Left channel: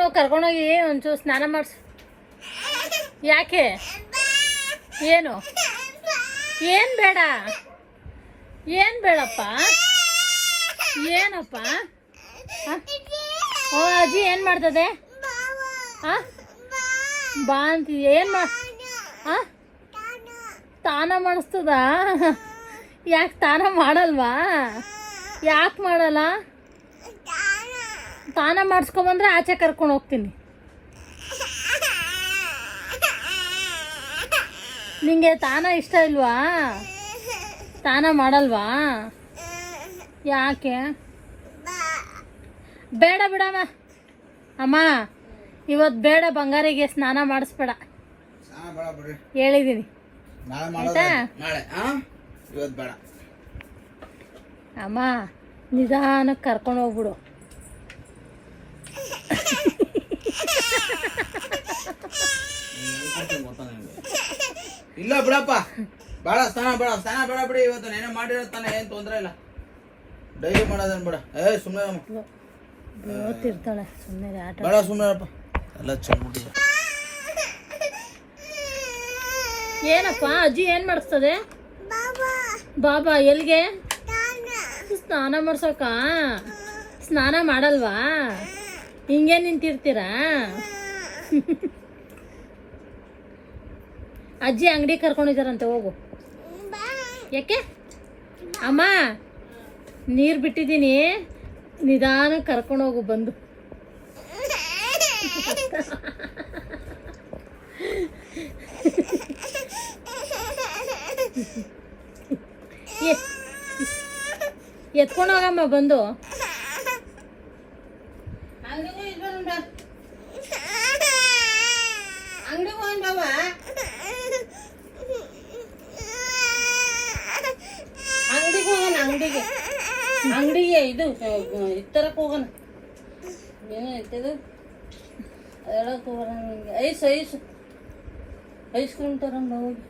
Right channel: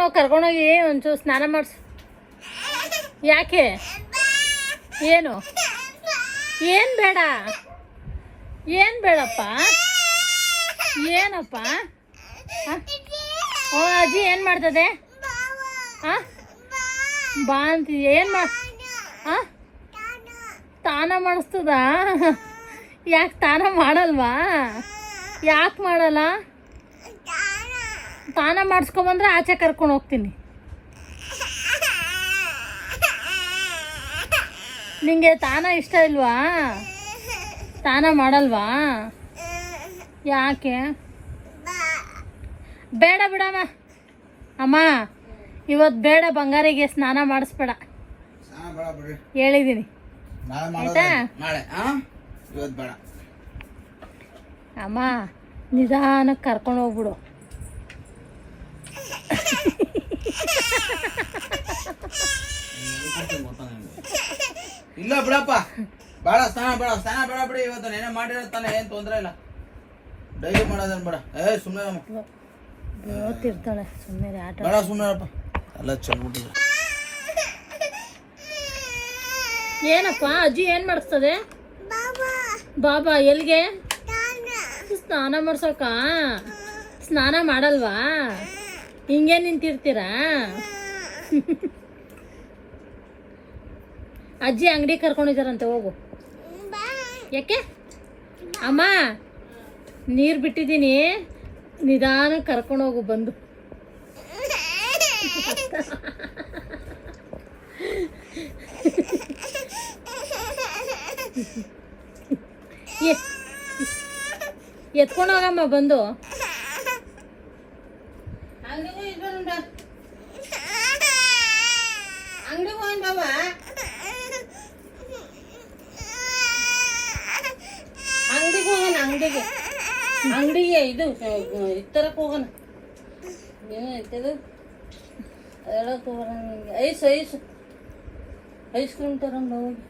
ನಾವು ಕರ್ಕೊಂಡೋಗಿ ಒಂಚೂರು ಸ್ನಾನ ಮಾಡಿಸ್ ಯಾಕೆ? ಏನು? ಏನ್ ಬೇಡ? ಏನ್ ಬೇಡಪ್ಪ? ಏನಪ್ಪ? ಓ, ಅಜ್ಜಿ ಏನ್ ಮಾಡ್ತದೆ? ಬಾ ಅಂತ ಏನ್ ಮಾಡ್ ತಾನ ಮಾಡಿಸ್ತದ? ಯಾಕೆ ತಾನ ಮಾಡಲ್ವಾ? ಯಾಕೆ ಮಾಡಲ್ಲ? ಸ್ನಾನ ಮಾಡಿಸ್ಕೊಂಬಂದ್ರೆ ಆಚೆ ಕರ್ಕೊಂಡು ಹೋಗ್ತೀನಿ. ನಿಂಗೆ ತಾನ ಇಷ್ಟ ಇಲ್ವಾ? ಸ್ನಾನ ಮಾಡಲ್ವಾ? ಯಾಕೆ? ಬೇಡ ಬಿಡಮ್ಮ ಅಮ್ಮ ಇವತ್ತು ಬೇಡ ಬಂಗಾರಿಗೆ ಸ್ನಾನ ಮಾಡಿಸ್ಬೇಡ. ಹೇಳಿದೀನಿ. ಅಮ್ಮ ನಿಧಾನಕ್ಕೆ ಕರ್ಕೊಂಡು ಹೋಗ್ಬಿಡು. ಇಲ್ಲ ಬಿಡಪ್ಪ. ಬೇಡ ಸ್ನಾನ ಬೇಡ ಸ್ನಾನ ಬೇಡ ಬಿಡಿ ಇವತ್ತು. ಏನೋ ಮಾಡಿರತ್ತಾನೆ ಏನ್ ತೊಂದರೆ ಇಲ್ಲ. ಡೈಲಿ ಮಾಡೋದೇನು ಬೇಡ. ಏ ಸುಮ್ಮನೆ ಓದ್ತಿರ್ತಾಳೆ ಸುಮ್ಮನೆ ಆಟ ಬೇಡ ಸುಮ್ಮನೆ ಎಲ್ಲ ಚೆಂದ್ಬಿಟ್ಟಿದೆ ಏನಪ್ಪ ಅಜ್ಜಿ ಏನ್ ಮಾಡಿಸ್ತದೆ? ಬಾಬಾ. ಎಲ್ಲಿಗೆ? ಸ್ನಾನ. ಮಾಡ್ಸೋಕ? ಸ್ನಾನ ಮಾಡಲ್ವಾ? ಹಿಂಗೆ ನಿಂತಿರ್ತೀರಾ? ಅಜ್ಜಿ ಅಂಗಡಿ ಕರ್ಕೊಂಡಿದಾರಂತೆ, ಹೋಗು. ಯಾಕೆ? ಅಮ್ಮ, ನೀರು ಬಿಟ್ಟಿದ್ದೀನಿ. ನಿಧಾನ ಹೋಗು, ಬಂದು. ಎತ್ಕೊಂಡು ಹೋಗಮ್ಮ ಬಂದು. ಅಂಗಡಿಗೆ ಇದು ಇತ್ತರಕ್ಕೆ ಹೋಗೋಣ ಏನಾಯ್ತದು ಹೇಳಕ್ ಹೋಗೋಣ ಐಸ್ ಐಸ್ ಐಸ್ ಕ್ರೀಮ್ ತಗೊಂಡು ಹೋಗಿ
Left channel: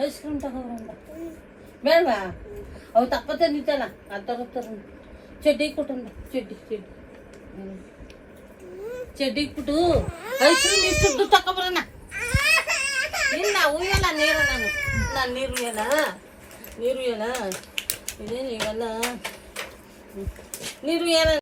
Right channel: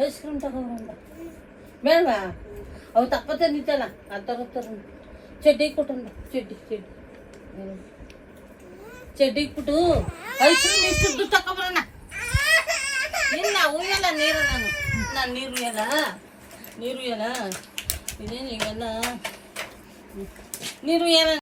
ಐಸ್ ಕ್ರೀಮ್ ತಗೊಂಡ ಬೇಡ ಅವು ತಕ್ಕೋತ ನಿಂತಲ್ಲ ಅದು ತಗೋತಾರ ಚಡ್ಡಿ ಕೊಟ್ಟಂಗ ಚಡ್ಡಿ ಚಡ್ಡಿ ಹ್ಮ್. ಚಡ್ಡಿ ಇಟ್ಬಿಟ್ಟು ಐಸ್ ಕ್ರೀಮ್ ಇಷ್ಟು ತಕೊಂಬರೋಣ ಇಲ್ಲ ಉಯ್ಯಲ್ಲ ನೀರು ನಾನು ನಾನು ನೀರು ಉಯ್ಯಲ್ಲ ನೀರು ಉಯ್ಯಲ್ಲ ಇದೇನು ಇವೆಲ್ಲ ಹ್ಮ್. ನೀರು ಉಯ್ಯಲ್ಲ